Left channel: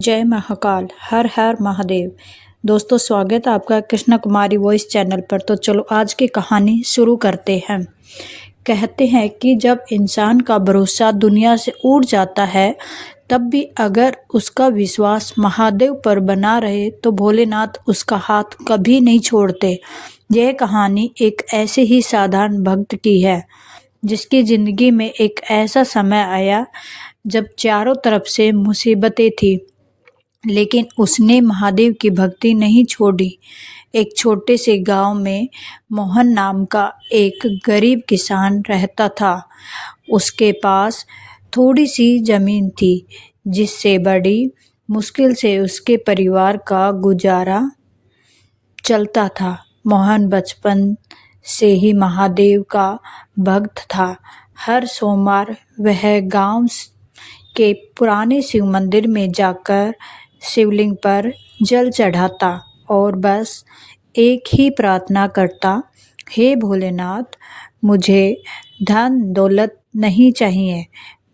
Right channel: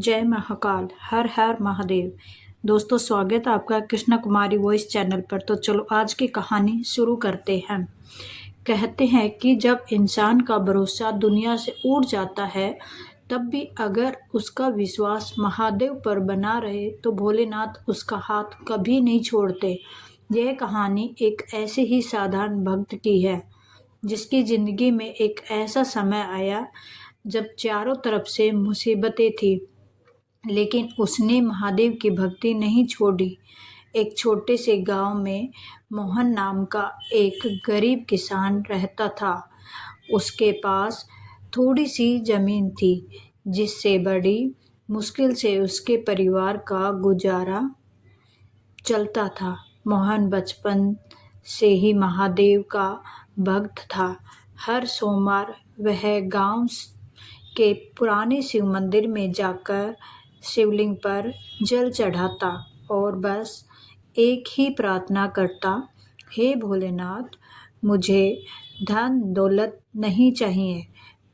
जय महाकाल। हर हर महादेव। दोस्तों, स्वागत है आपका कृष्णा कुमारी वॉइस चैनल पर। तो चलो आज की कहानी शुरू करते हैं। कहते हैं कि जब इंसान का भरोसा दुनिया से उड़ जाता है, तब भी अगर उसका विश्वास महादेव पर बना रहे तो भोलेनाथ उसका हाथ कभी नहीं छोड़ते। यह कहानी एक ऐसे ही साधारण भक्त की है, जिसकी जिंदगी में एक ऐसा समय आया जब चारों तरफ से मुसीबतें थी, लेकिन उसने महादेव की भक्ति नहीं छोड़ी। एक छोटे से गांव में मोहन नाम का एक गरीब किसान रहता था। उसके पास थोड़ी सी जमीन थी, जिससे बड़ी मुश्किल से उसके परिवार का गुजारा चलता था। मोहन बचपन से ही महादेव का भक्त था। हर सोमवार वह गांव के पुराने शिव मंदिर में जाकर शिवलिंग पर जल चढ़ाता और बस एक ही प्रार्थना करता, हे भोलेनाथ, मुझे धन दौलत नहीं चाहिए,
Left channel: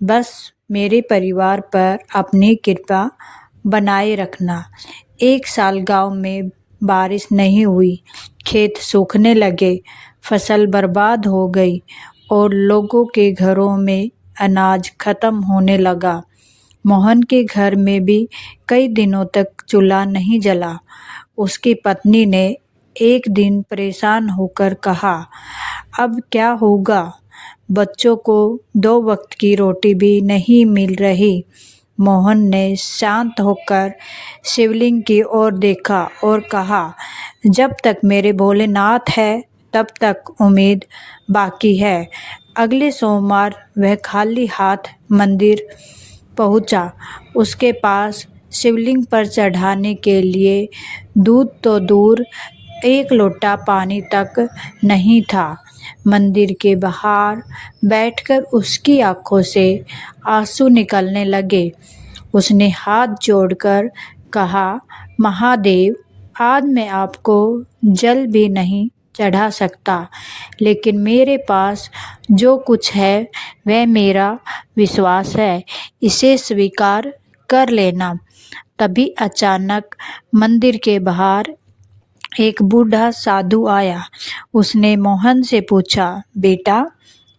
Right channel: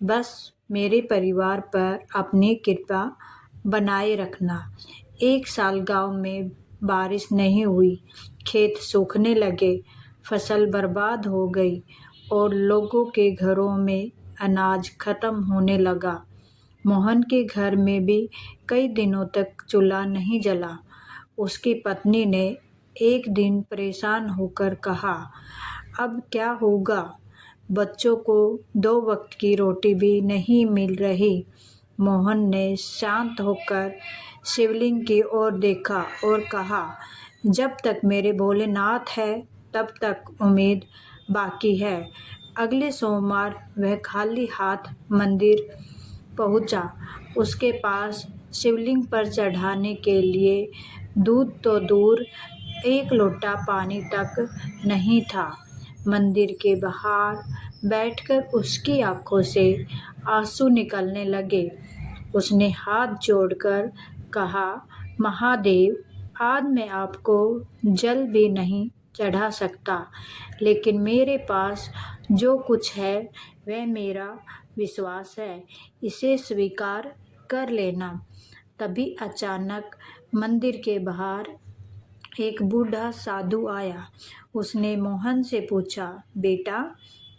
बस मेरे परिवार पर अपनी कृपा बनाए रखना। एक साल गांव में बारिश नहीं हुई, खेत सूखने लगे, फसल बर्बाद हो गई और लोगों के घरों में अनाज खत्म होने लगा। मोहन के घर में भी कई दिनों तक चूल्हा नहीं जला। उसकी पत्नी ने एक दिन परेशान होकर कहा, अब क्या होगा? बच्चों को 2 वक्त की रोटी भी नहीं मिल रही। मोहन ने शांत होकर शिवलिंग की ओर देखा और कहा, जब तक मेरे भोलेनाथ है तब तक उम्मीद बाकी है। अगले सोमवार वह खाली हाथ मंदिर पहुंचा। उसके पास शिवलिंग पर चढ़ाने के लिए दूध तो दूर, एक लोटा पानी तक नहीं था। मंदिर के बाहर बैठकर उसकी आंखों से आंसू निकलने लगे। उसने हाथ जोड़कर कहा, महादेव, आज मैं आपको जल भी नहीं चढ़ा सकता, लेकिन मेरे पास जो कुछ है वह मेरा विश्वास है, इसे स्वीकार कर लेना। तभी अचानक मंदिर के बाहर एक बूढ़ा साधु आया। उसने मोहन से पूछा, बेटा,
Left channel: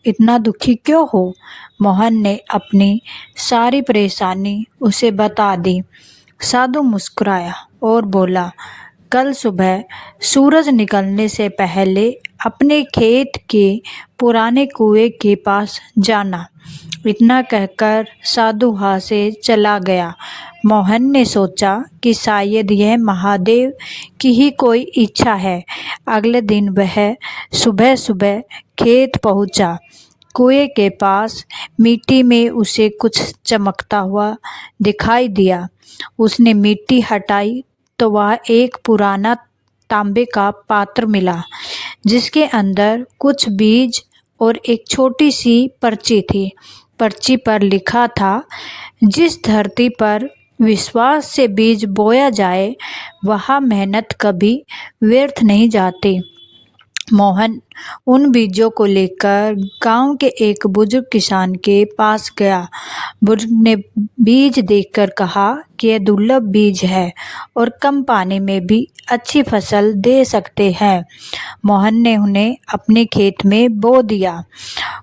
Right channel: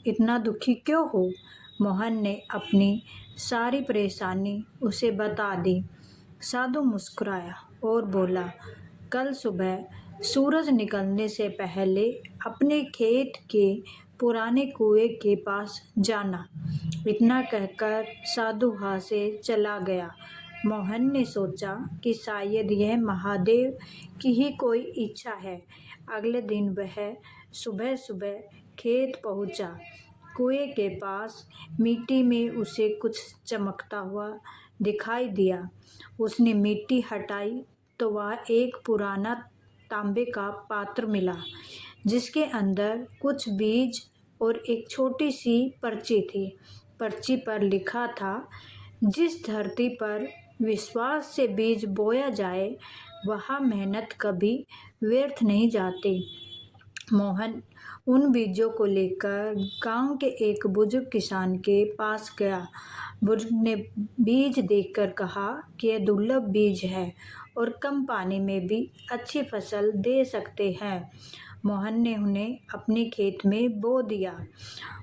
इतना दुखी क्यों हो? मोहन ने अपनी सारी परेशानी उसे बता दी। साधु मुस्कुराया और बोला, कल सुबह सूरज निकलने से पहले अपने खेत के पुराने कुएं के पास जाना। इतना कहकर साधु वहाँ से चला गया। मोहन ने सोचा कि शायद यह महादेव की ही कोई इच्छा है। अगले दिन वह सुबह सुबह खेत पहुंचा। कुएं के पास मिट्टी में उसे कुछ चमकता हुआ दिखाई दिया। उसने मिट्टी हटाई तो वह एक पुराना तांबे का पात्र मिला, जिसके अंदर कुछ बीज और एक छोटी सी पर्ची थी। पर्ची पर लिखा था, जिस धरती पर विश्वास से बीज बोया जाए, वहाँ मेहनत कभी व्यर्थ नहीं जाती। मोहन उन बीजों को लेकर गांव के एक बुजुर्ग किसान के पास गया। बुजुर्ग ने बीज देखकर कहा कि यह दुर्लभ बीज है और कम पानी में भी अच्छी फसल दे सकते हैं। मोहन ने उन्हें अपने खेत में बो दिया।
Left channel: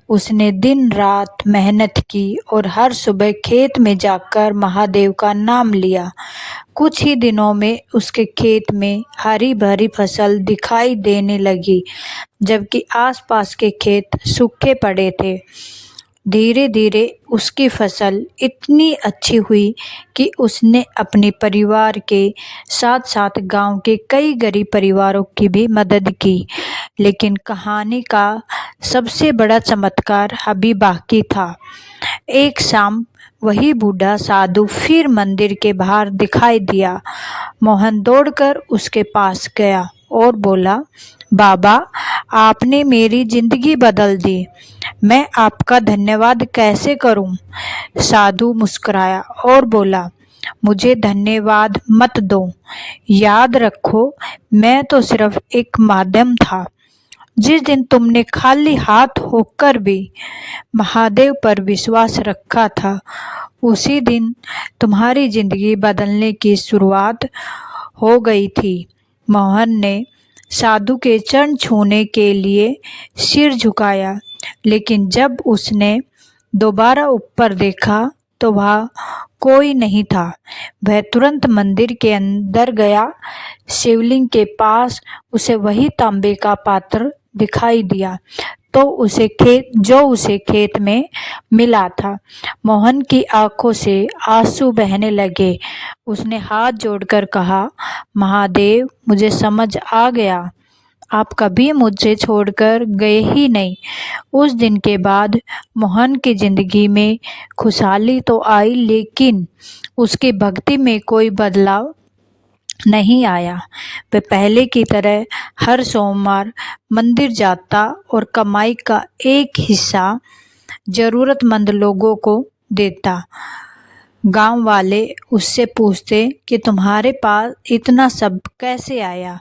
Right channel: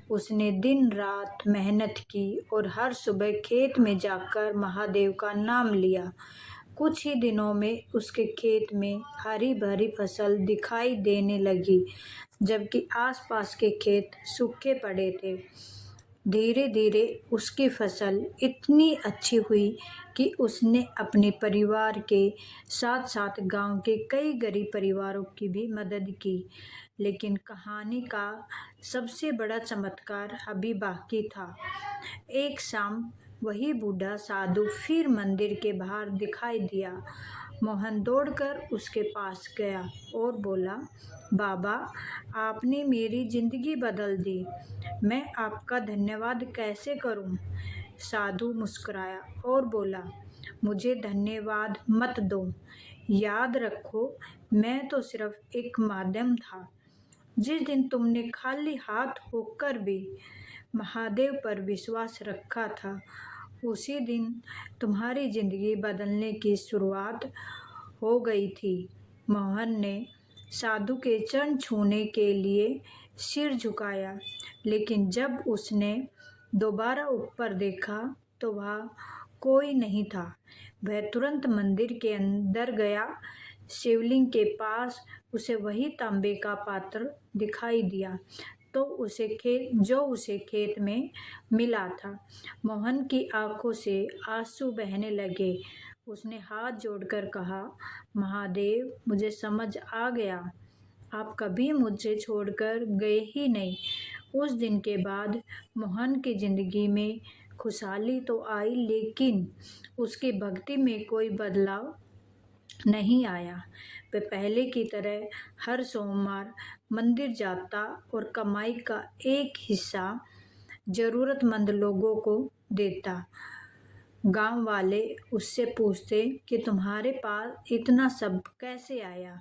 उसने दिन रात मेहनत की और हर सुबह खेत में जाकर महादेव का नाम लिया। कुछ ही दिनों में उसके खेत में हरी भरी फसल दिखाई देने लगी, जबकि आसपास के खेत सूखे पड़े थे। धीरे धीरे उसकी फसल इतनी अच्छी हुई कि उसने अपने परिवार के साथ साथ गांव के कई गरीब परिवारों की भी मदद की। लेकिन कहानी का सबसे बड़ा चमत्कार अभी बाकी था। एक शाम वही बूढ़ा साधु फिर मंदिर के बाहर दिखाई दिया। मोहन दौड़कर उसके पास गया और बोला, बाबा, आपने मेरी जिंदगी बदल दी। मैं आपका धन्यवाद कैसे करूं? साधु मुस्कुराया और बोला, मुझे धन्यवाद मत दो। याद रखो, मैं तो सिर्फ एक माध्यम था। जिस दिन तुमने खाली हाथ होकर भी महादेव पर विश्वास रखा था, उसी दिन तुम्हारी जिंदगी बदलने की शुरुआत हो गई थी। मोहन ने साधु के चरण छूने के लिए सिर झुकाया, लेकिन जब उसने दोबारा ऊपर देखा तो वहाँ कोई नहीं था। वह तुरंत मंदिर के अंदर गया। शिवलिंग के पास उसे वही तांबे का पात्र दिखाई दिया जो उसे खेत में मिला था। मोहन की आंखों से आंसू बहने लगे। उसने हाथ जोड़कर कहा, महादेव, मुझे समझ आ गया, आप कभी मुझे छोड़कर गए ही नहीं। उस दिन के बाद मोहन की जिंदगी में खुशहाली तो आई, लेकिन उसकी भक्ति में कोई बदलाव नहीं आया। वह पहले की तरह हर सोमवार मंदिर जाता और कमाई का एक हिस्सा जरूरतमंद लोगों को देता। गांव वाले उससे पूछते कि तुम्हारे पास इतना सब कैसे आया,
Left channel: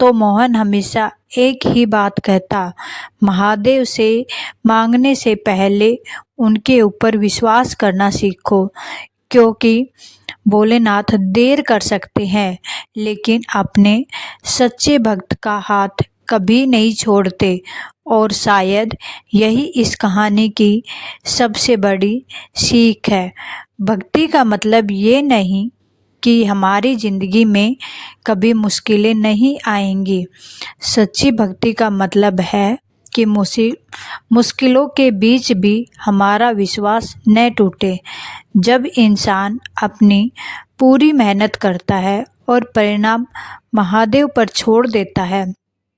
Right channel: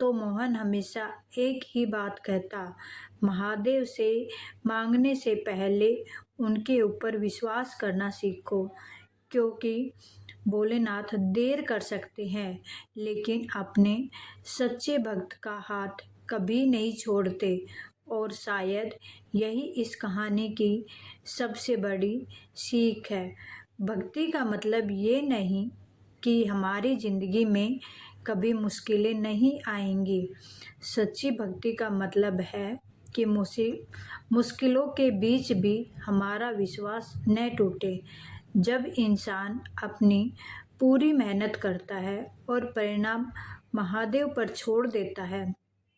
तो मोहन हमेशा एक ही बात कहता, महादेव से मांगने से पहले उनके ऊपर विश्वास करना सीखो, क्योंकि भोलेनाथ देर कर सकते हैं लेकिन अपने सच्चे भक्त का हाथ कभी नहीं छोड़ते। और शायद यही इस कहानी की सबसे बड़ी सीख है। भक्ति का मतलब ये नहीं कि हमारी ज़िंदगी में कभी मुश्किलें नहीं आएंगी। सच्ची भक्ति का मतलब है कि मुश्किलों के बीच भी हमारा विश्वास न टूटे। जब इंसान अपनी पूरी मेहनत करता है और परिणाम महादेव पर छोड़ देता है,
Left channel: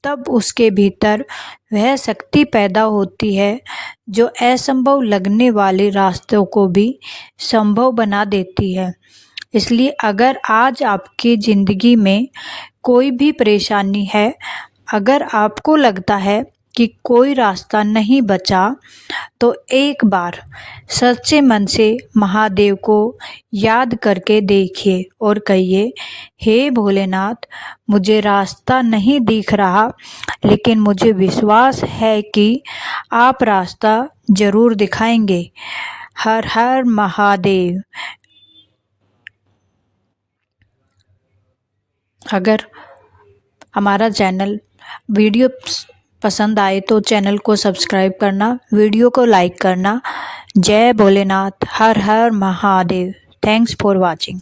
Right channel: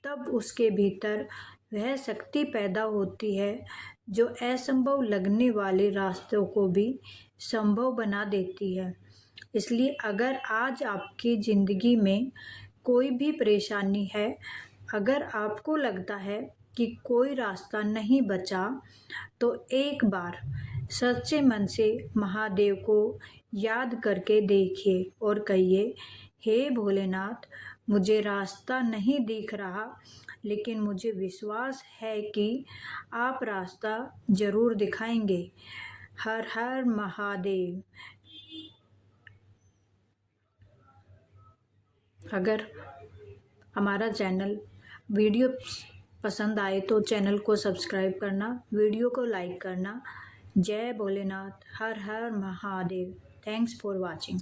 तब उसके भीतर वह शक्ति पैदा होती है जो असंभव लगने वाले रास्तों को भी संभव बना देती है। इसलिए अगर आज आपकी ज़िंदगी में कोई भी परेशानी है, अगर आपको लगता है कि कोई रास्ता नहीं बचा, तो एक बार सच्चे मन से महादेव को याद करके देखिए और कहिए, हे भोलेनाथ, मुझे रास्ता नहीं दिख रहा, लेकिन मुझे विश्वास है कि आप रास्ता ज़रूर दिखाएंगे। हर हर महादेव। अगर हमारा चैनल वीडियो पसंद आए तो चैनल को सब्सक्राइब करना, वीडियो को लाइक करना। जय भोलेनाथ, हर हर महादेव। Thanks for watching.